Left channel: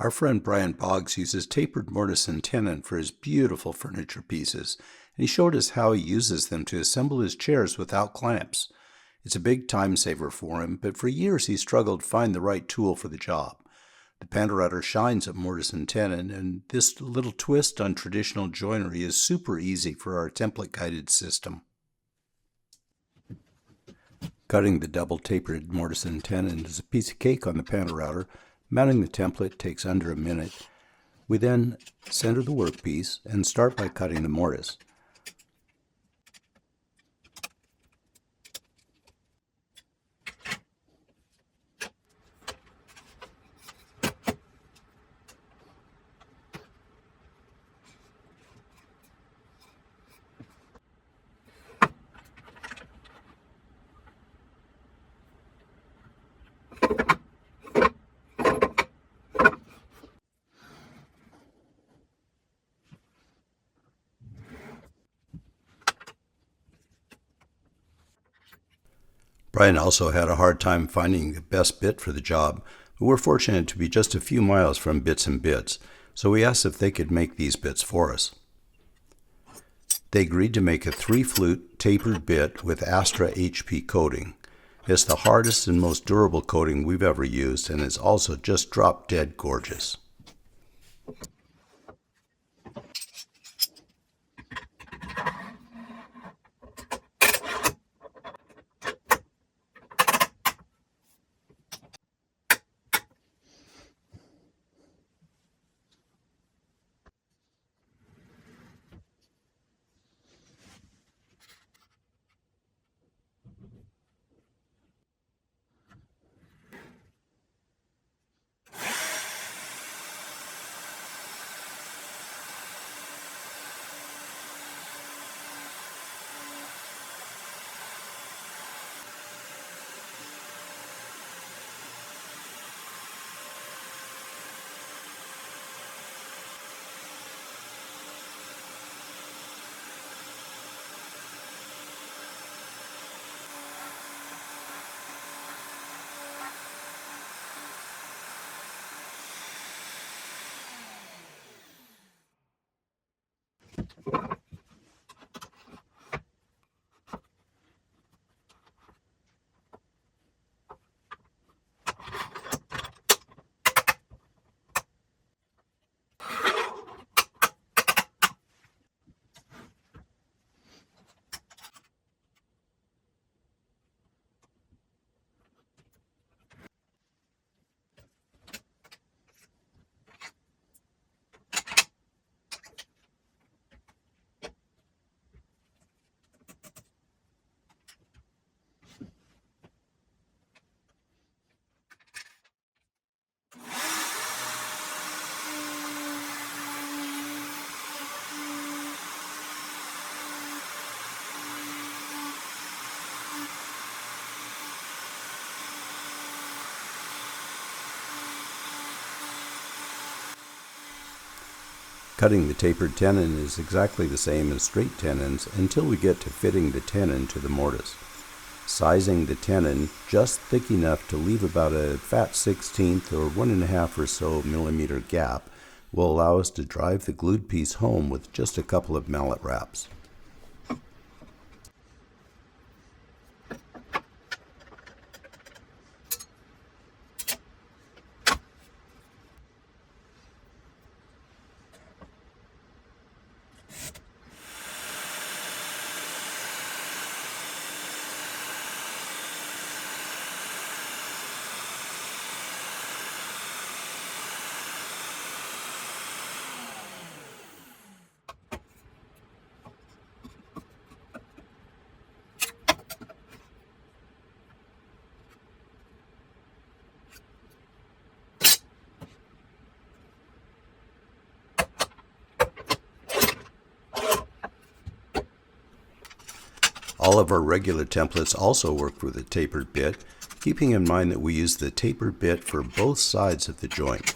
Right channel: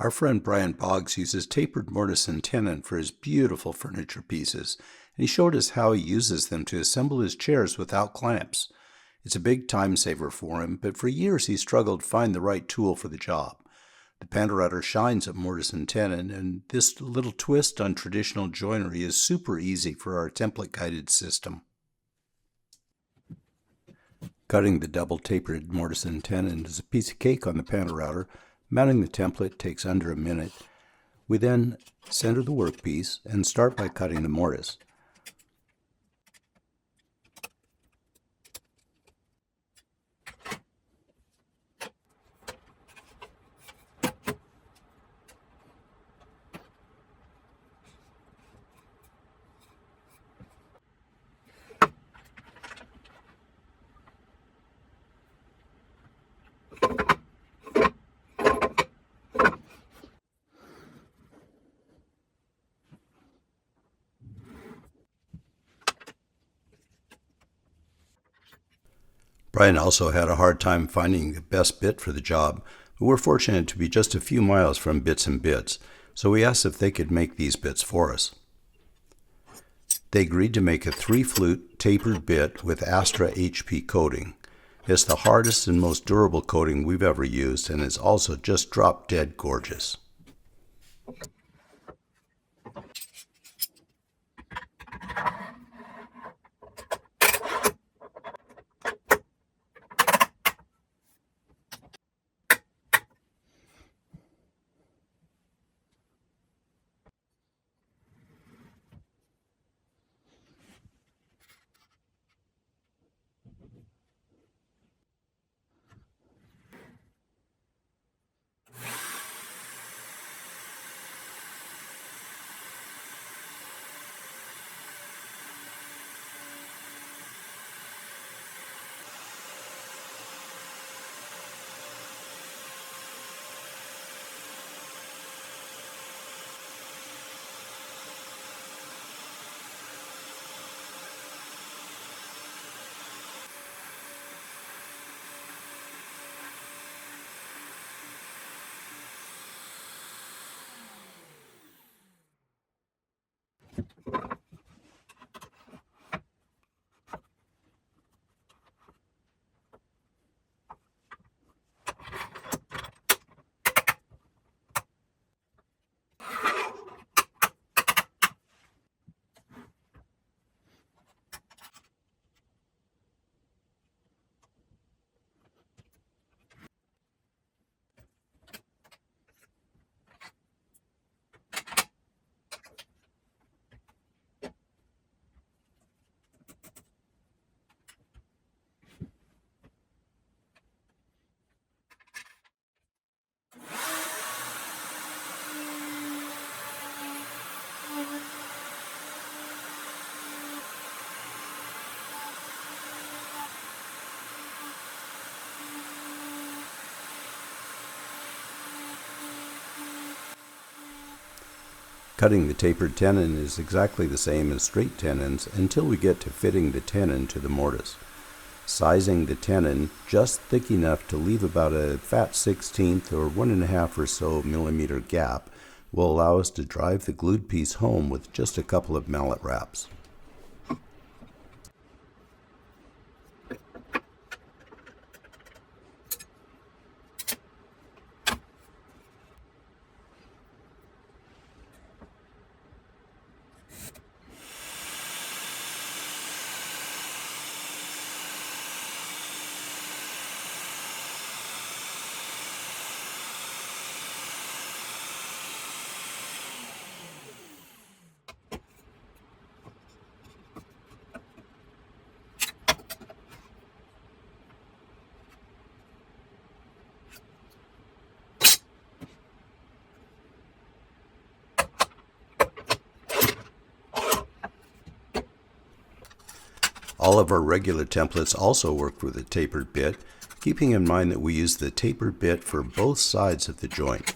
Our friend Brian Boggs uses tapered mortise and tenon for his beautiful furniture pieces, and he showed us how he uses them to assemble his chairs without clamps. It's a big time saver for him, but for years he struggled to find the right tool for the job. The PantoRouter shines at mortise and tenon, and this little twist on traditional joinery is super easy for our template-guided system. Cutting the double tapered mortise and tenon is a piece of cake on the PantoRouter. Mounting the template takes under a minute. We then center the workpiece and start by cutting the mortise. Brian also had a hard time finding the best bit for the job, but we're fortunate to be just a few miles from Bits and Bits, so we asked if they could make these bits for us. They agreed to make a 3-flute tapered bit with Astra HP coating. It's the hardest and most durable coating we've ever used, and is also just drop-dead gorgeous. Cutting the tapered tenon is exactly the same as straight tenons until we get to fitting the tenon to the mortise. Sizing the tenon just thick enough to leave about a fat 1/16 or 1.5 or so millimeter gap will allow us to drive the glued piece home with just a couple of mallet wraps. All of our regular templates also work with a tapered bit, keeping in mind that we use the tapered bit for both sides of the joint.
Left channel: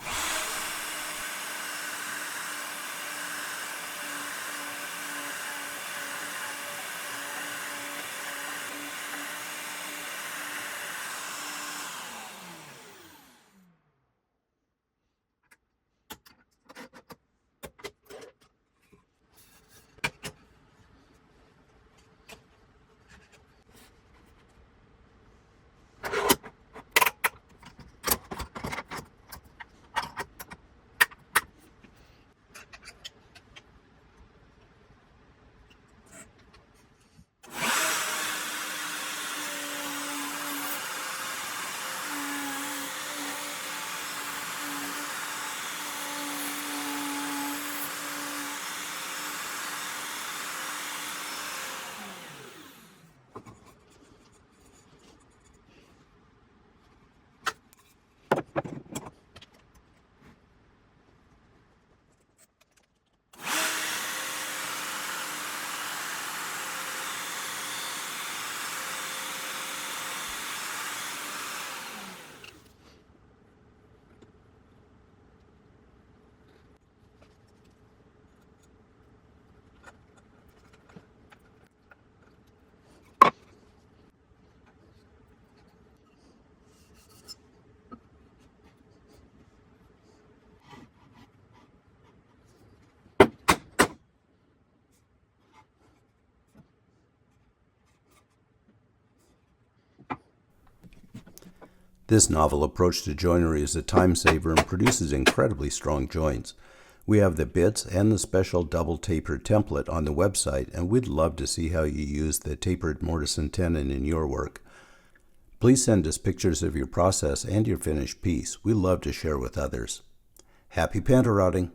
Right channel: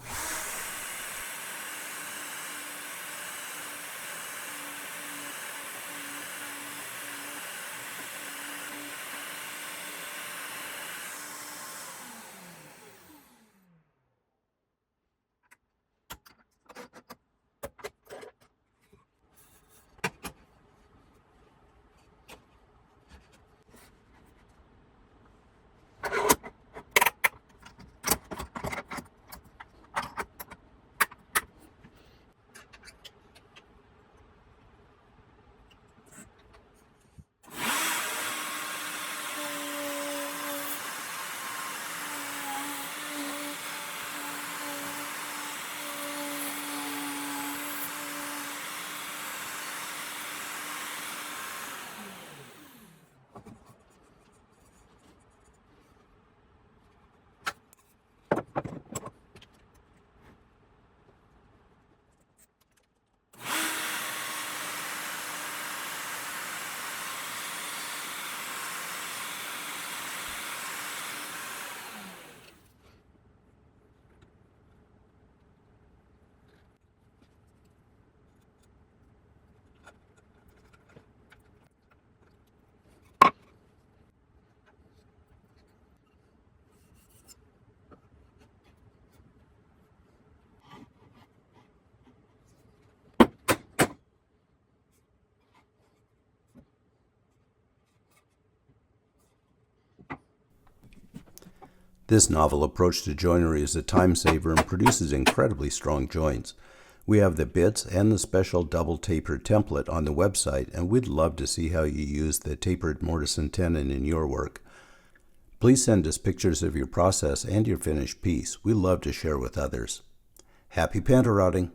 This novel approach to joinery is a time saver and produces incredibly strong joints. We have the bits and the special double tapered template on the website, and we'd love to see how you use the tapered mortise and tenon in your work. Please send us pictures of your process and your finished piece. We love to share with others. Happy PantoRouting!